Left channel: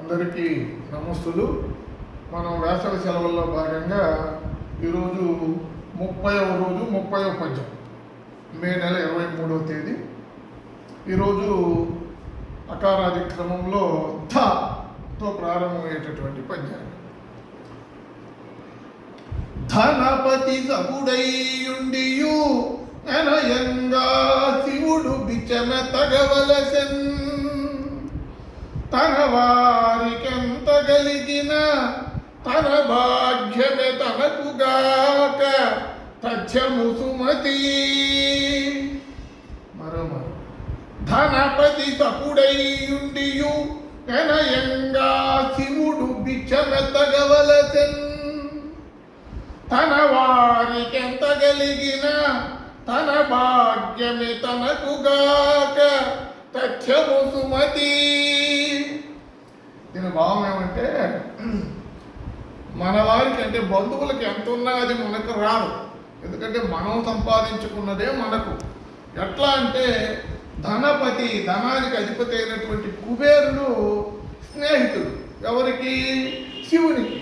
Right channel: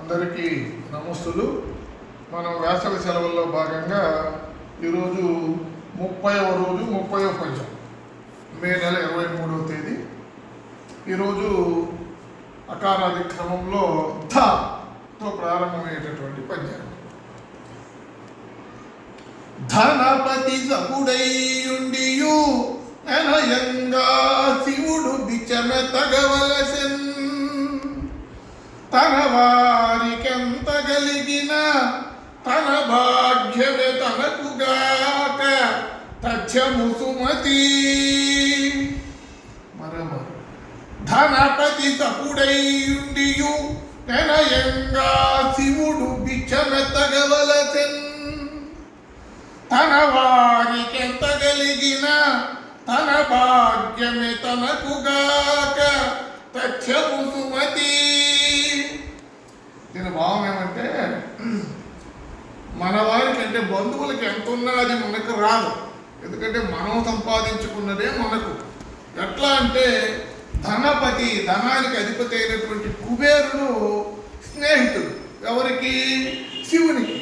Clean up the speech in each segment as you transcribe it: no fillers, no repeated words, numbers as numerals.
అందరికీ నమస్తులు. మనం వేసవి సెలవుల్లో భాగంగా ఈరోజు 30వ రోజు 30వ పద్యం, మే నెల 23వ తేదీ. ఈరోజు అకారాది క్రమంలో ధతో ప్రారంభమయ్యేటటువంటి పద్యం. ధనపతి సగుడైయుండియు అనయంగా శివుడు బిచ్చమెతగవలసెన్, తన వారికెంత గలిగిన తన భాగ్యమే తనకుగాక తథ్యము సుమతి. మరో ధనపతి సపుడైయుండియు అనయంగా శివుడు బిచ్చమెతగవలసెన్, తన వారికెంత గలిగిన తన భాగ్యమే తనకుగాక తథ్యము సుమతి. దీని భావం ఏమంటే, మన వారికి అంటే బంధువులకి ఎంత ఉన్నా అది మనకు రాదు. ఎందుకంటే మనం సంపాదించుకున్నదే మనకు. ఎట్లా అంటే, ధనపతి, ధనానికి అధిపతి అయినటువంటి కుబేరుడు స్నేహితుడు ఎవరికి? శివునికి.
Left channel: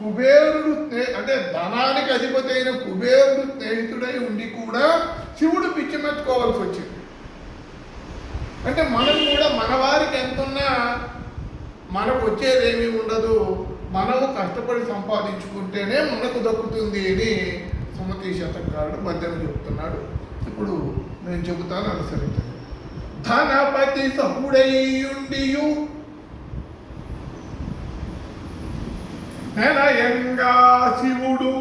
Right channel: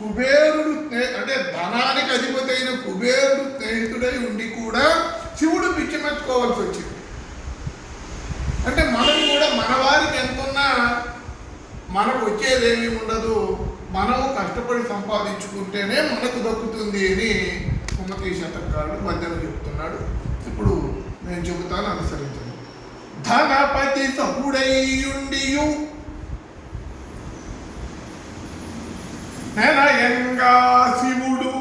కుబేరుడు అంటే ధనానికి అధిపతి అయిన కుబేరుడు స్నేహితుడై ఉండి కూడా శివుడు పిచ్చిమెత్తుకోవాల్సి వచ్చింది. అంటే మనం కూడా మన వారికి ఎంతున్నా మనకు వచ్చేదేమీ ఉండదు, మనము కష్టపడి సంపాదించుకుంటేనే మనకు దక్కుతుంది అని సుమతి శతకారుడు మధ్యలో చెప్తున్నాడు. ఇప్పుడు నేను చెబుతాను, అనుసరించండి. ధనపతి సపుడైయుండియు నెనయంగా శివుడు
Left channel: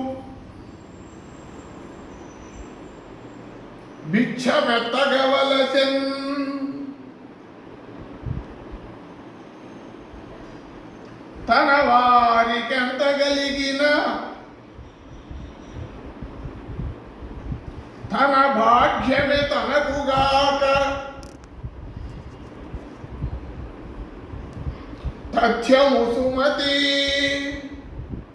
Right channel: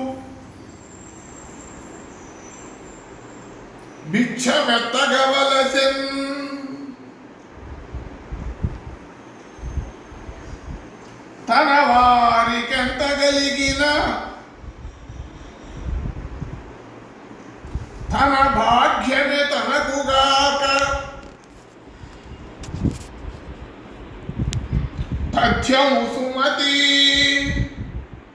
భిక్షమెత్తగవలసెన్, తన వారికెంత గలిగిన తన భాగ్యమే తనకుగాక తథ్యము సుమతి.